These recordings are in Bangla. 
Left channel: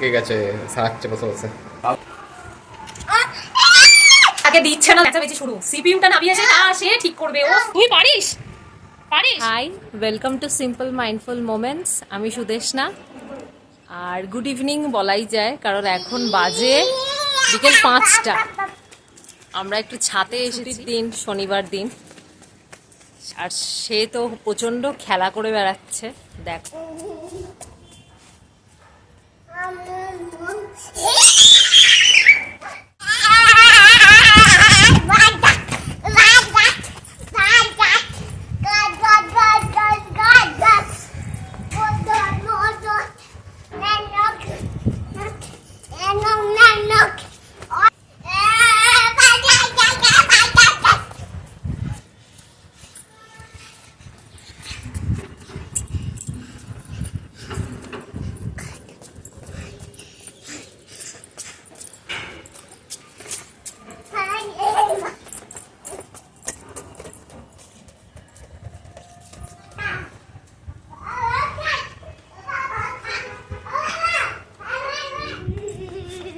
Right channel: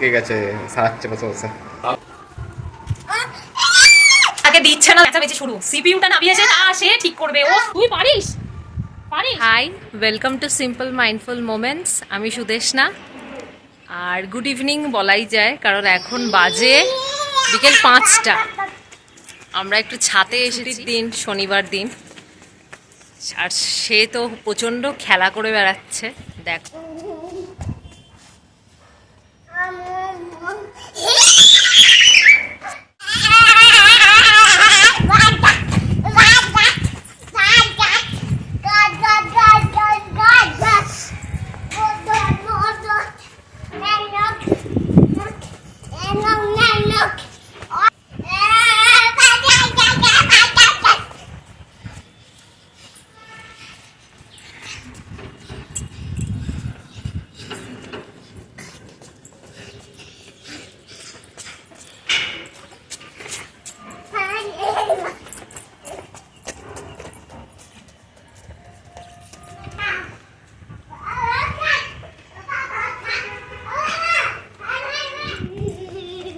থেকে গেছে, সারাচ্ছে বসে বসে। আগে দিচ্ছে না, বেচা বেচি শুরু। সিপিইউটা নামিয়েছে, তা সে ঠিক করবে। ও তুই পারিস পারিস। Hi, welcome to simple mindful moments. আমি সুদেশনা। আর গুড ইভিনিং বলাই যায়, কারণ এখন বাজে বিকেল 5টা। আমরা একটু ছাদে এসেছি, দিন শনিবার দিন। আর সে তো প্রচণ্ড খেলা করে বেড়াচ্ছে, দেখো।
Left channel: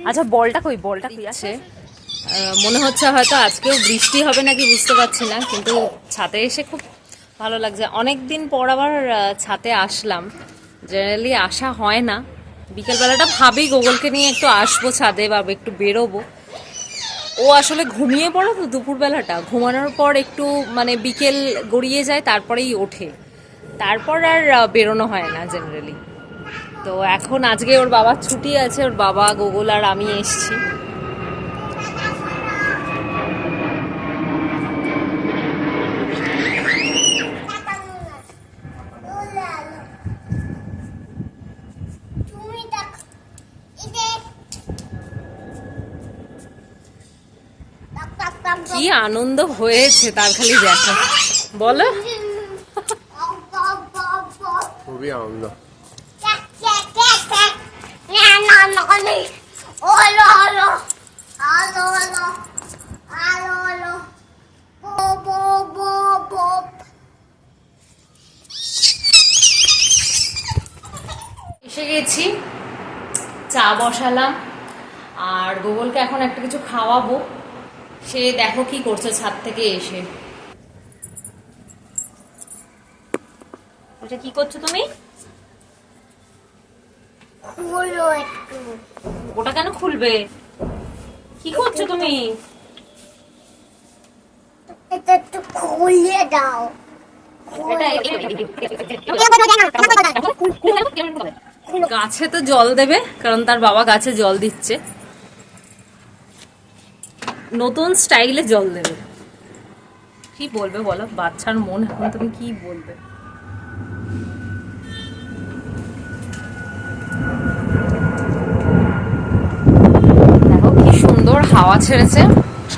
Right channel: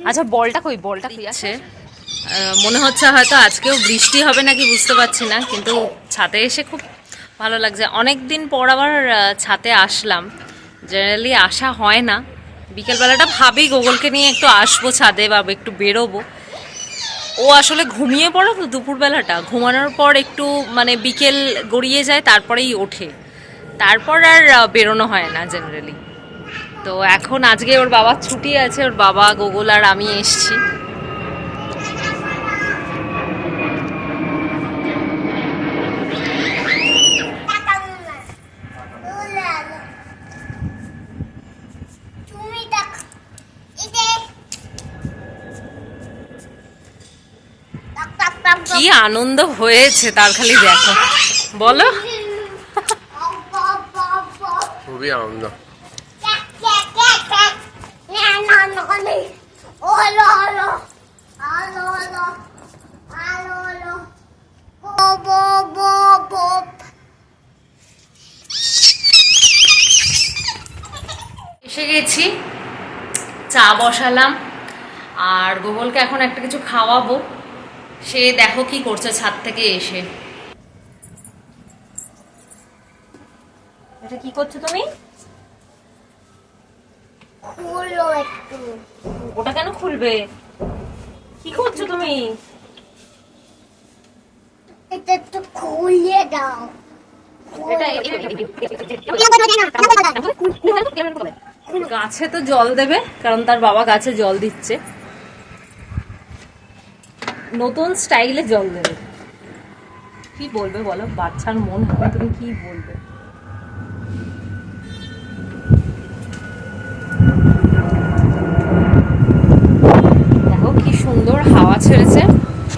আচ্ছা, বলটা কই? বলটা কই আছে? মনে হচ্ছে হয়তো আজকেও বৃষ্টি হবে নাকি বুঝতে পারছি না, কিন্তু ছাদে এসে খুব ভালো লাগছে। অনেক দিন পর আবার ছাদে আসলাম, জেনারেলি আসা হয় না। বিকেলবেলাটা ভাবি গোগলকে নিয়ে একটু আসবো ছাদে বা একটু বেরোবো। ও আসলে ঘুমিয়ে পড়ে তো দুপুরবেলাটা, ঘুমানোর পর একটু মানে বিকেল গড়িয়ে যায়, তারপরেই ওঠে, তারপর আর বেরোনো হয় না জেনারেলি। তো এখন আজকে ওর বাবার ছুটি আছে, ওর বাবা, গোগল আর আমি এসছি। কি আনন্দ হয়েছে তার খালি দেখো, বলো। খুবই আনন্দ। এসে গেছি, চা বসালাম, আর গোগলকে এখন একটা কিছু খাওয়াবো। সে দেখো কি করছে ছাদ থেকে এসে। ওটা কি করছো তুমি? ওটা কেন খুলবে? কি করছো তুমি? এটা একটু খুলে দাও। গাছে তো জল দেবে, কারণ তার বাবা গাছে জল দিচ্ছে, নতুন স্টাইলে জল দেবে। কি বলবে বলো, বাচ্চার মন, এখন তুমি কি বলবে? দেখো কি সুন্দর হাওয়া ছেড়েছে।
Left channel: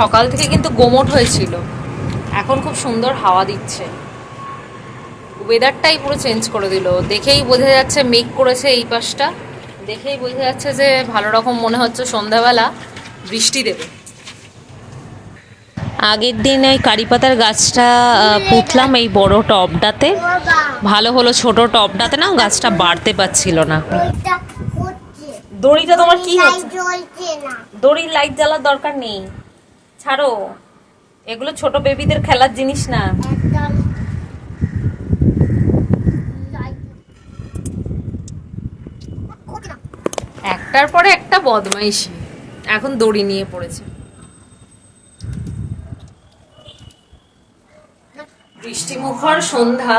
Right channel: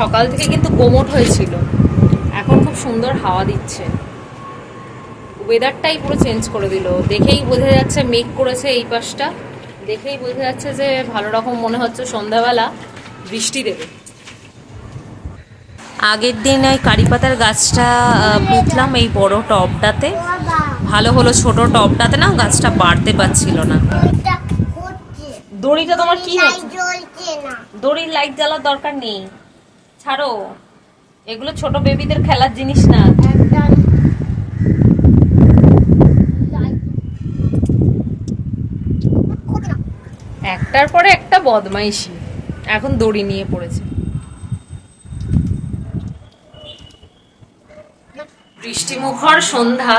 সকাল থেকে কিন্তু গোমট হয়েছিল, এখন খুব সুন্দর হাওয়া দিচ্ছে। ওয়েদারটাই পুরো চেঞ্জ করে দিল। দেখেই বোঝা যাচ্ছে মেঘ করেছে এই পাশটা, দেখেই বোঝা যাচ্ছে যে ভালো রকম মনে হচ্ছে সন্ধ্যাবেলা বৃষ্টি দেবে। আগের দিন ওই কারি পাতার গাছটা পুঁতলাম এই বড় টবটাতে, ভালো হলো। ছোট টবটাতে না গাছটা বাড়তে পারছিল না। দড়িটা তোমার কি হচ্ছে? দড়ির লাইট জ্বালার দরকার নেই, ছাড়ো। এগুলো ছোট বেবিদের খেলার জিনিস না। একটার পরে একটা বদমাইশি, এখন দড়ি নিয়ে পড়েছে। বৃষ্টিমুখর সন্ধ্যা,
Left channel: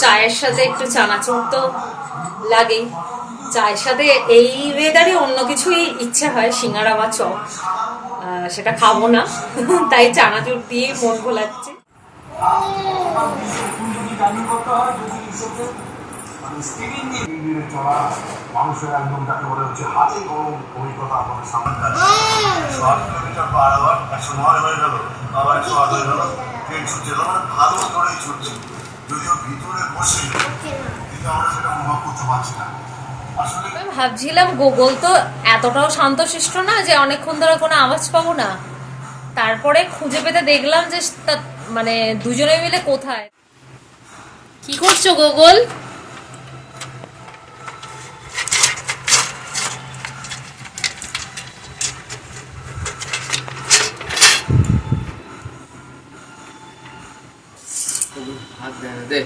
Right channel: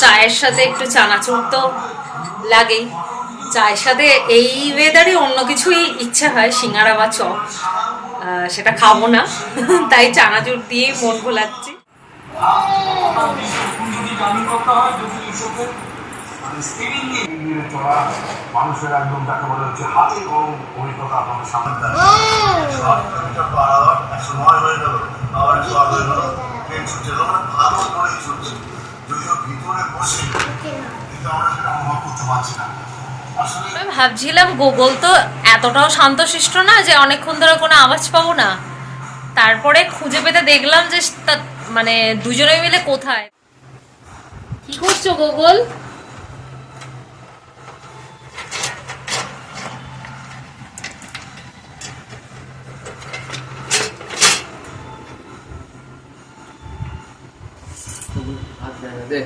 চায়ের সাথে একটু চানাচুর তো লাগেই। চায়ের সাথে এই ওয়েদারে অন্য কিছুই ইচ্ছা হয়, সিঙ্গারা বা চপ, সেটা খাবো না, তাই চানাচুর দিয়েই মন ভোলাচ্ছি। মানুষের একদম তাকে বলে হচ্ছে হাতে গরম অভিজ্ঞতা আপনাদের সামনে হয়ে গেল, আবার 108 হয়ে গেল, ট্রেন ছুটছে, ভালো করেই ছুটছে, যদিও ভিতরে বসে কিন্তু আমরা সেটা অনুভব করতে পারছি না। আমি ভাবছিলাম গোগল তো এতটাও শান্তশিষ্ট না যে অনেকক্ষণ ধরে কোনো আওয়াজ পাবো না, তারপরে খুঁজে পেতে দেখলাম যে মানে দুজনে মিলে কোথায়। কি করছো গোগল? হাত দে না, দে।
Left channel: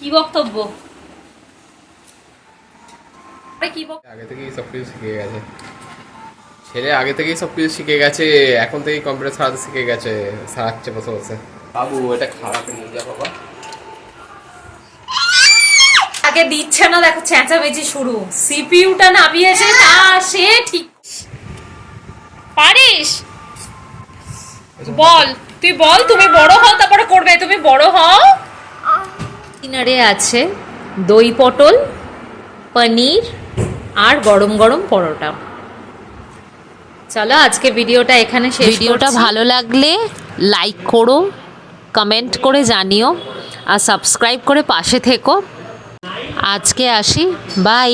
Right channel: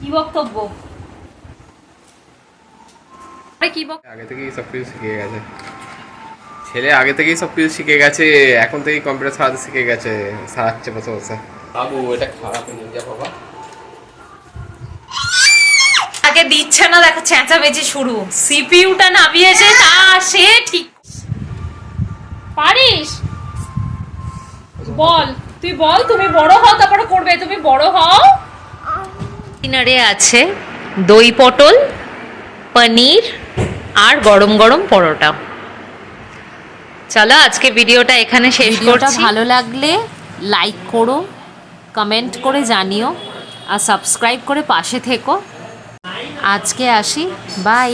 কি বক্তব্য? কি আগে থেকেই সব কিছু শিখে গেছে ছেলে, আগে থেকেই সব কিছু শিখে গেছে, এখন থেকেই কম্পিউটার চালাতে শিখে গেছে, সারাচ্ছে বসে বসে। বাবু এটা খাওয়াতে নিয়ে যা বাবা। আগে দিচ্ছে না, দেখো চেঁচামেচি শুরু। সিপিইউটা নামিয়েছে তা সে ঠিক পারিস? বল, তুই বল, তুমি বড় হও তারপরে করবে, তুমি বড় হও। ডিনারে আছে দই পটল, পনির আর গরম গরম পরোটা। চলো আজকে ভিডিওটা এখানে শেষ করছি। ভালো লাগলে লাইক করো, কমেন্ট করে জানিও আর সাবস্ক্রাইব করে পাশে থেকো। আজকে আসি, বাই।